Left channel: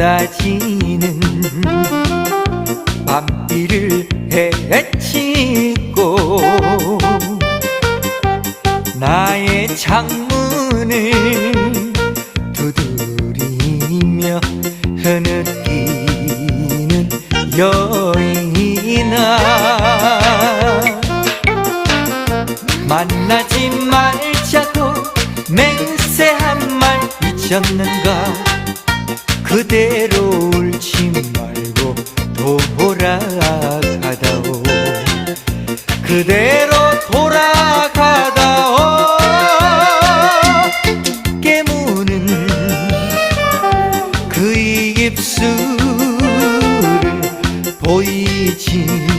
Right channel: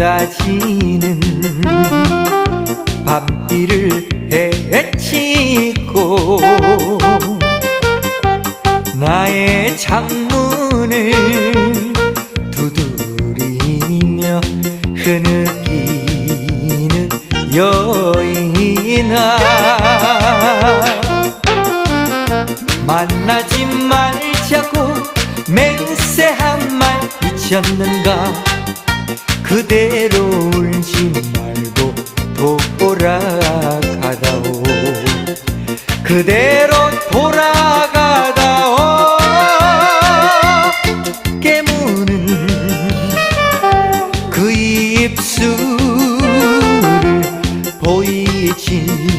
쏟지는 앞뒤를 헤치고 나의 창문을 두드리며 흐느끼는 여인아 만나지 말자고 맹세한 말 미쳤는가 그대 그대로 돌아가다 어깨 무는 그 입술 보이지